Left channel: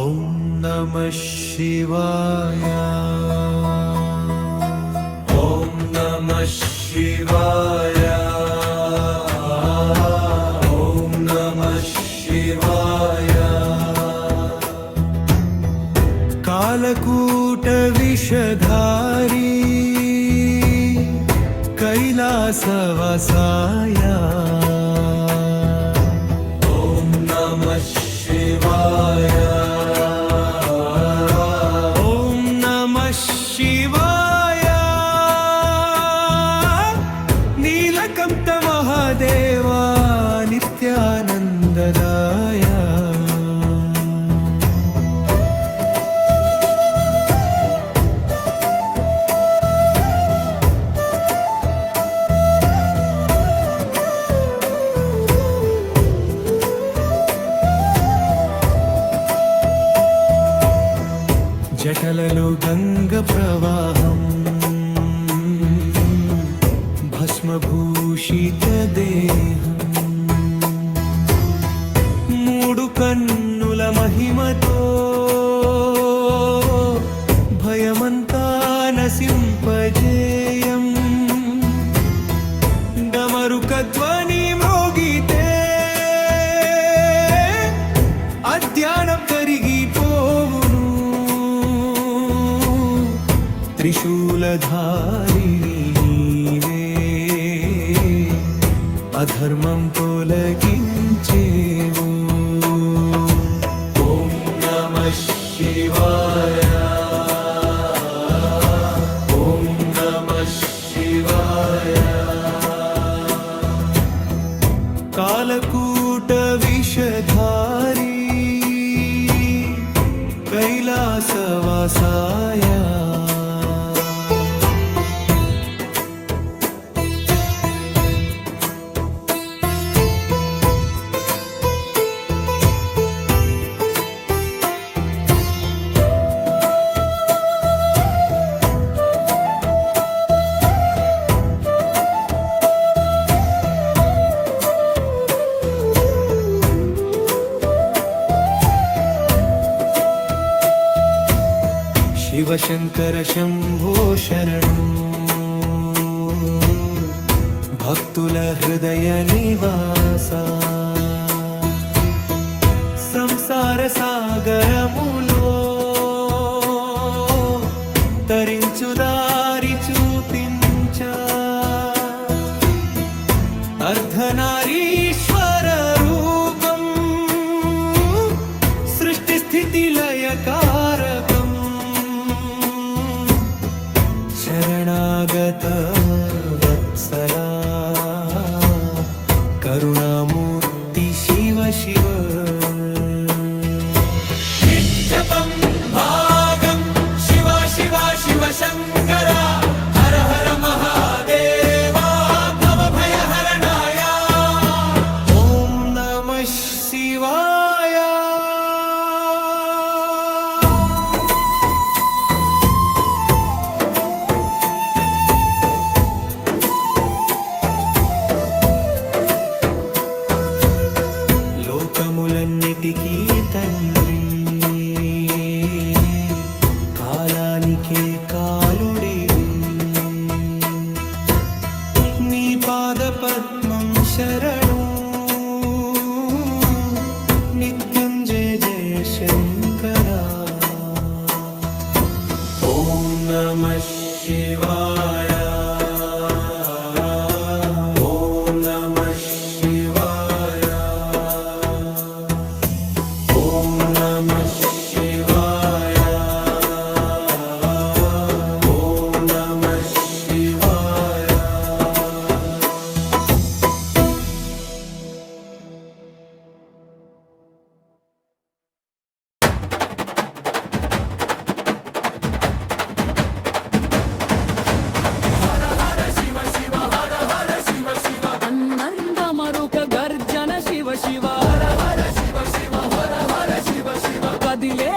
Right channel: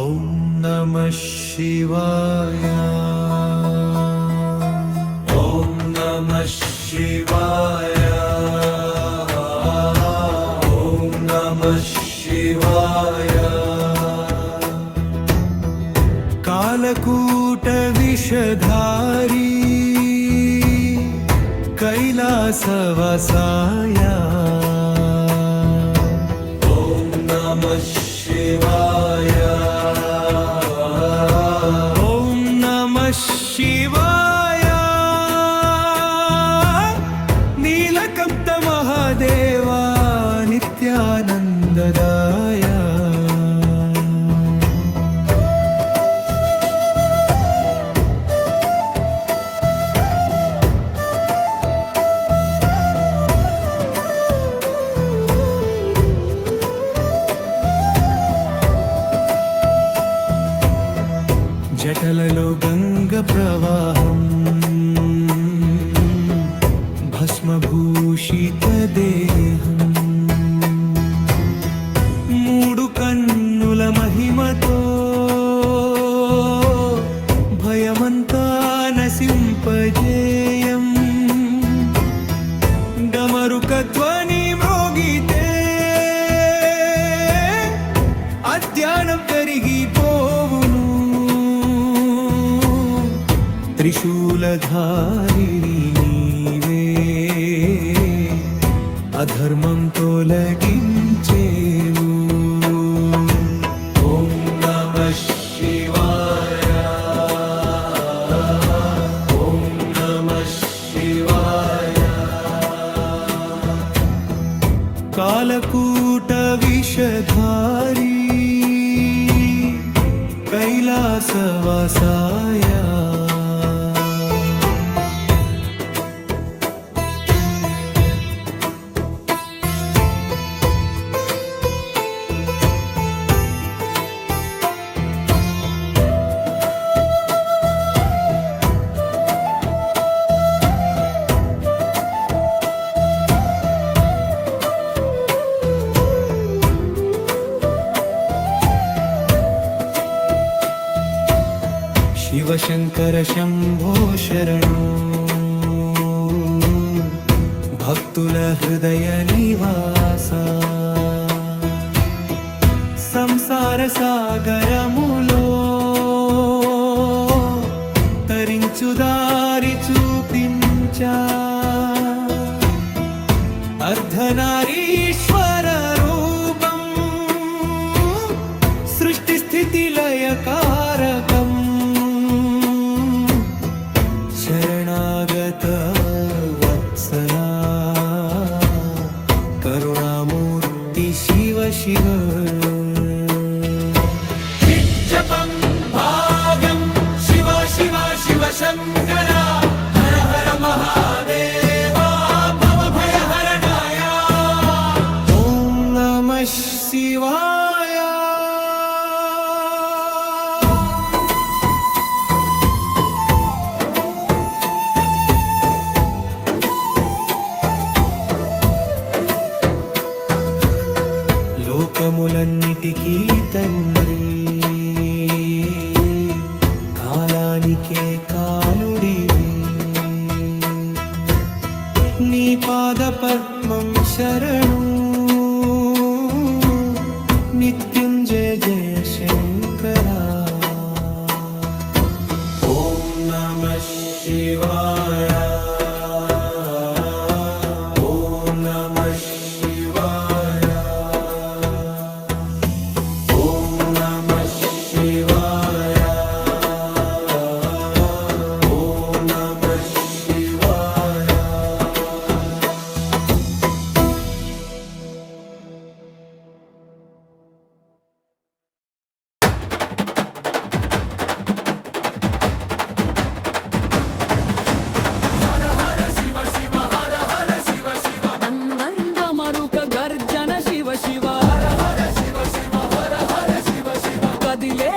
ఓం నమః శివాయ. ఓం నమః శివాయ. ఓం నమః శివాయ. కాలకూట విషధారీ కైలాసవాసాయ. ఓం నమః శివాయ. ఓం నమః శివాయ. నీలకంఠ మహాదేవా నిత్యానందదాయ. జటలలో గంగ ప్రవాహం భస్మభూషిత దేహం. మూడు కన్నుల మహిమతో భయమంతా నసింపజేయం. డమరుక ధ్వని మ్రోగితే అజ్ఞానం కరిగిపోవును. త్రిశూలధారిణి నీవే అధర్మం తొలగించేవు. ఓం నమః శివాయ. ఓం నమః శివాయ. కాలకూట విషధారీ కైలాసవాసాయ. శివశంకర శంభో శరణు. భక్తుల హృదయ నివాస. సంసార సాగరములో తరించు దారి చూపించా. అర్ధనారీశ్వర రూపం సృష్టి స్థితి లయ కారకం. శరణాగత వత్సలా కరుణామూర్తి శివ శివ. నిత్యపం భాగం శివ శివ శివ శంకర. హర హర మహాదేవా భవ భయ హరణాయ. ఓం నమః శివాయ. లోకములన్నిటికీ తండ్రి కాలానికే కాలుడివి. నీ పాద పద్మం శరణు. నిత్యుంజయ జయ శంకరా. ఓం నమః శివాయ. ఓం నమః శివాయ. ఓం నమః శివాయ. ఓం నమః శివాయ. మరుక గర్జన శివ శివ. హర హర శివ శివ. హర హర శివ శివ. కదిలే